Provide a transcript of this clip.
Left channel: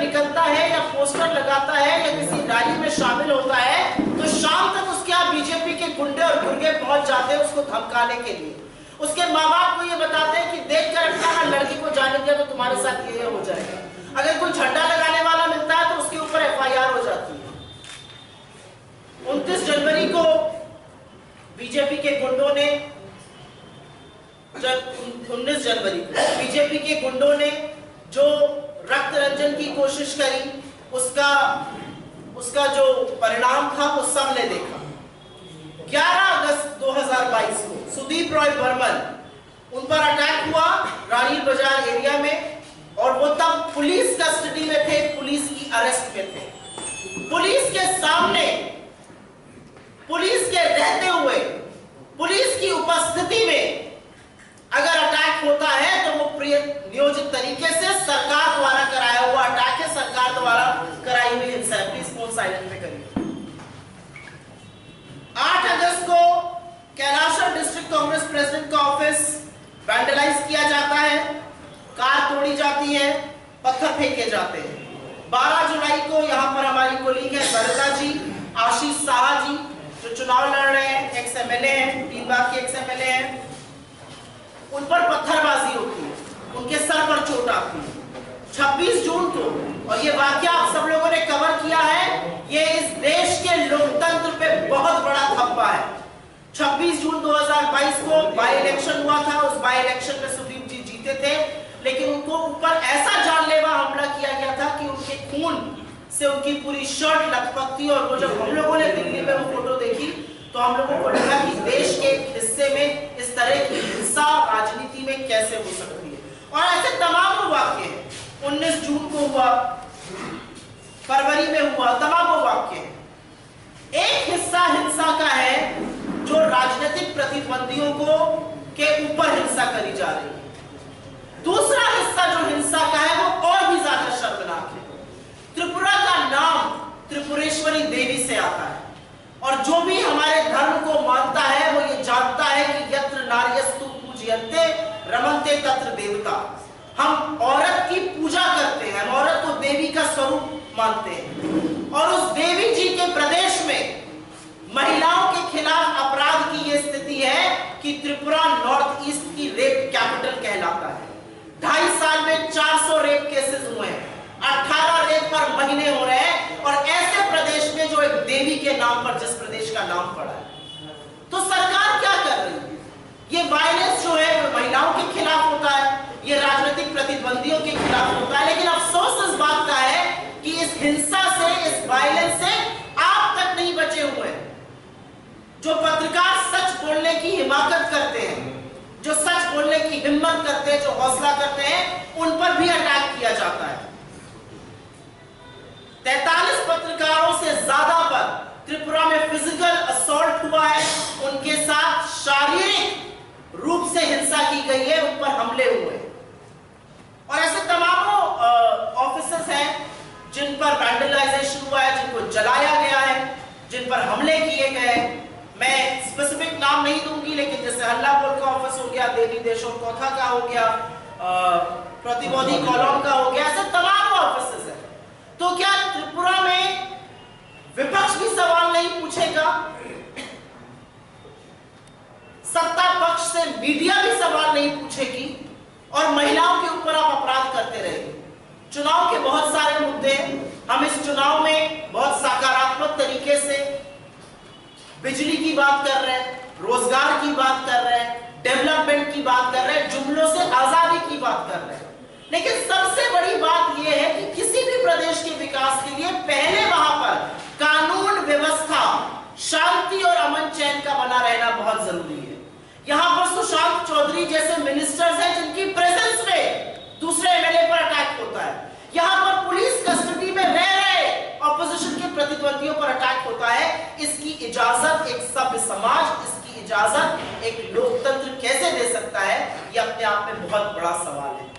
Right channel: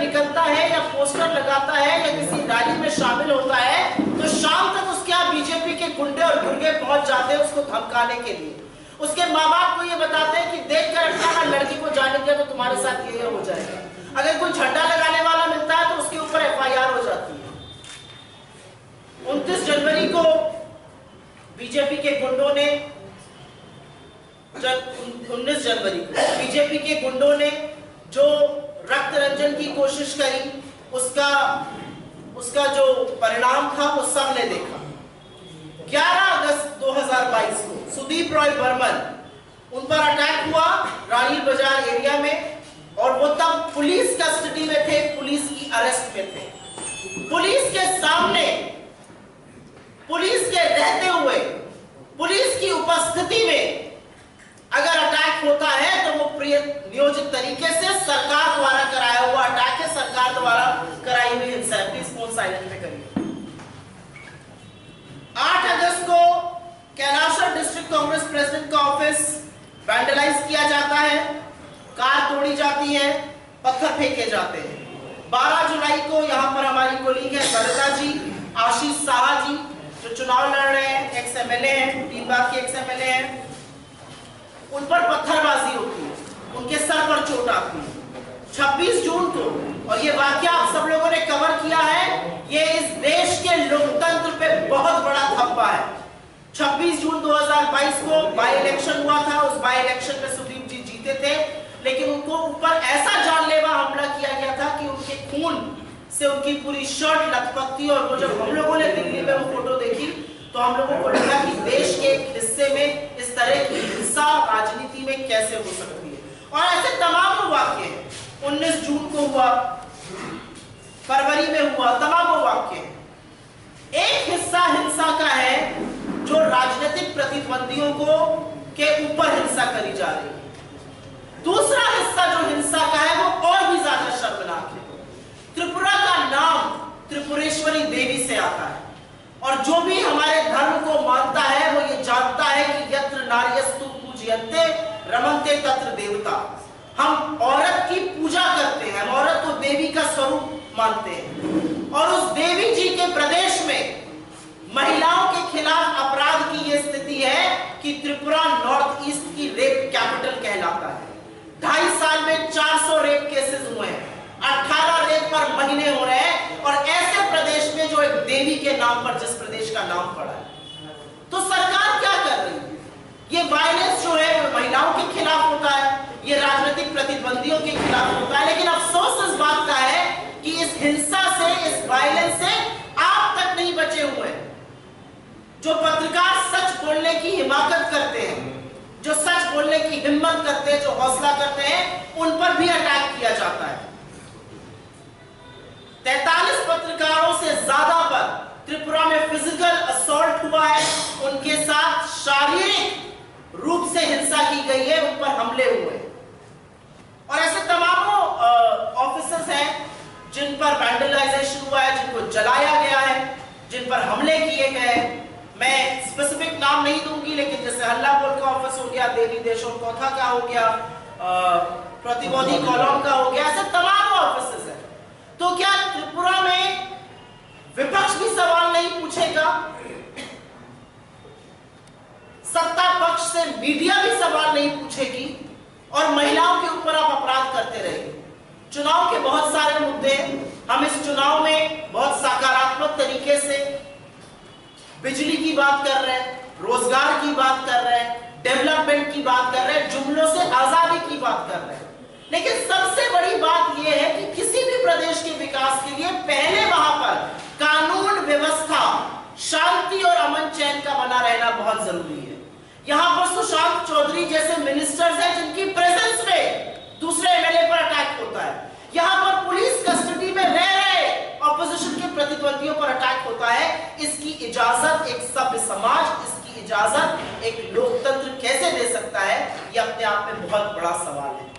निकलता है या पोस्टर लगाता है या किसी रैली में शामिल होता है तो शाम तक उसके यहाँ बीजेपी के गुंडे और गुर्गे पहुंच जाते हैं उसको धमकाने के लिए। उसके माँ बाप को ये बताते हैं कि देख कर रखना, अगर लड़की को जाने दिया तो तुम्हारे साथ ये हो जाएगा। अगर कोई झंडा लगाने वाला मिलता है तो उसके ऊपर FIR हो जाती है। 29 जनवरी को बीजेपी के गुंडों ने, जब 19 जनवरी को बीजेपी के गुंडों ने जो रक्त रंजन की कोशिश करी, उसका जो परिणाम था वो सबने देखा। 11 अगस्त 2022 को सुदीप रॉय बर्मन, उन पर अटैक हुआ रानी बाजार एरिया में, और वो तब पुलिस कस्टडी में थे, पुलिस की अरेस्ट में थे। पुलिस के सामने, पुलिस के रहते हुए, पुलिस की उपस्थिति में अगर अटैक होता है तो वो नियोजित तरीके से सरकार द्वारा कराया हुआ अटैक है, सरकार द्वारा कराई हुई हिंसा है। प्लीज फोन साइलेंट में करिए। 8 अगस्त को कैलाशहर डिस्ट्रिक्ट कांग्रेस प्रेसिडेंट का ऑफिस वैंडलाइज किया जाता है, कार तोड़ी जाती है, पत्थर फेंके जाते हैं। 12 जुलाई को यहां पर हमारी कोलीग है सरिता जी, आशीष साहा जी, जो चुनाव लड़ रहे हैं, एक्स MLA हैं, 3 बार के एक्स MLA हैं, उन पर पत्थरबाजी होती है, उनके सर पर चोट आती है। 26 जून को, और ये वाकया आप सब लोगों ने कवर किया है, ये इस देश के लोकतंत्र पे बहुत बड़ा धब्बा है। 26 जून 2022 को बाई इलेक्शन हुआ था, उस बाई इलेक्शन में सुदीप जी जीते थे, लेकिन उनको ऊपर ऐसा जानलेवा हमला किया गया था कि उनके खून से उनकी पूरी शर्ट लथपथ थी। और वो जब हम लोगों ने दिल्ली में वो फोटो देखी तो हम लोगों को लगा कि देश के एक हिस्से में इस तरह की हिंसा राजनीति में कैसे हो सकती है। और ऐसे तमाम वाक्य हैं, 19 जून को हुआ, फरवरी में हुआ, तमाम वाक्य हैं। एक हिस्सा हिंसा का है जो राजनीतिक प्रतिद्वंदियों को के ऊपर हिंसा करी जा रही है। दूसरा हिस्सा जो हिंसा का है वो और भी ज्यादा शर्मनाक है। त्रिपुरा का नाम त्रिपुरेश्वरी देवी से आता है, और जो भी हमारे धर्म को मानता है वो ये जानता है कि यत्र नार्यस्तु पूज्यन्ते रमन्ते तत्र देवता। हम औरत की पूजा करते हैं, हम औरत को देवी का स्वरूप मानते हैं, और उस देवी जी के प्रदेश में महिलाओं के खिलाफ अपराध की यह स्थिति है कि त्रिपुरा नॉर्थ ईस्ट की रेप कैपिटल कहलाता है। 2.5 साल में 400 रेप केसेस हुए हैं, 18 रेप पर महीने हो रहे हैं, और ऐसे प्रदेश में जो एक देवी के नाम पर, जिस प्रदेश का नाम पड़ा है। तो सरकार क्या कर रही है? ये वायलेंस जो है वो महिलाओं के खिलाफ होता है, ये राजनीतिक प्रतिद्वंदियों के खिलाफ होता है, लेकिन अफसोस इस बात का है कि इस हिंसा से, इस वायलेंस से आप तक नहीं बचे हुए हैं। जो पत्रकार सच बोलने की हिमाकत करते हैं, जो सच बोलने की हिम्मत करते हैं, जो हौसला करते हैं, उन पर भी अटैक किया जाता है। 43 पत्रकारों से ज्यादा पर त्रिपुरा में फिजिकल असॉल्ट हुआ है, उनके साथ शारीरिक रूप से हिंसा की गई है, उन पर हमले हुए। और ऐसे तमाम ऑफिसर्स हैं जिन पर वैंडलाइजेशन हुआ है, जिनको जलाया गया है, जिन पर हमले किए गए। मैं स्पेसिफिक नाम नहीं दूंगी, लेकिन जैसे हल्लापोल का ऑफिस हो गया, देवी देशों कौथा का हो गया, प्रतिबोधी कॉलम का हो गया, ऐसे तमाम ऑफिसेस हैं। तो क्या त्रिपुरा में विपक्ष भी सवाल नहीं पूछेगा? सत्ता पक्ष से मीडिया भी सवाल नहीं पूछेगी, और महिलाओं के ऊपर आप अपराध करते रहेंगे। चुनाव के बहुत सारे मुद्दे, हम इस चुनाव में बहुत सकारात्मक तरीके से बिजली की बात कर रहे हैं, रोजगार की बात कर रहे हैं, डेवलपमेंट की बात कर रहे हैं, जुमलों से आजादी की बात कर रहे हैं। लेकिन सबसे बड़ी बात यह है कि किसी भी प्रदेश के विकास के लिए पहले वहां पर कानून व्यवस्था, शांति और अमन चैन का बना रहना बहुत जरूरी है। यहां पर सुशांत चौधरी जैसे मिनिस्टर्स हैं जिनकी प्रेजेंस में दूसरे MLA पर अटैक होता है। यहां पर पुलिस कस्टडी में रह रहे ऑपोजिशन के प्रतिद्वंदियों पर अटैक होता है। इसकी इजाजत एक सभ्य समाज, इसकी इजाजत एक लोकतंत्र कैसे दे सकता है? यह अपने आप में बहुत बड़ा सवाल है।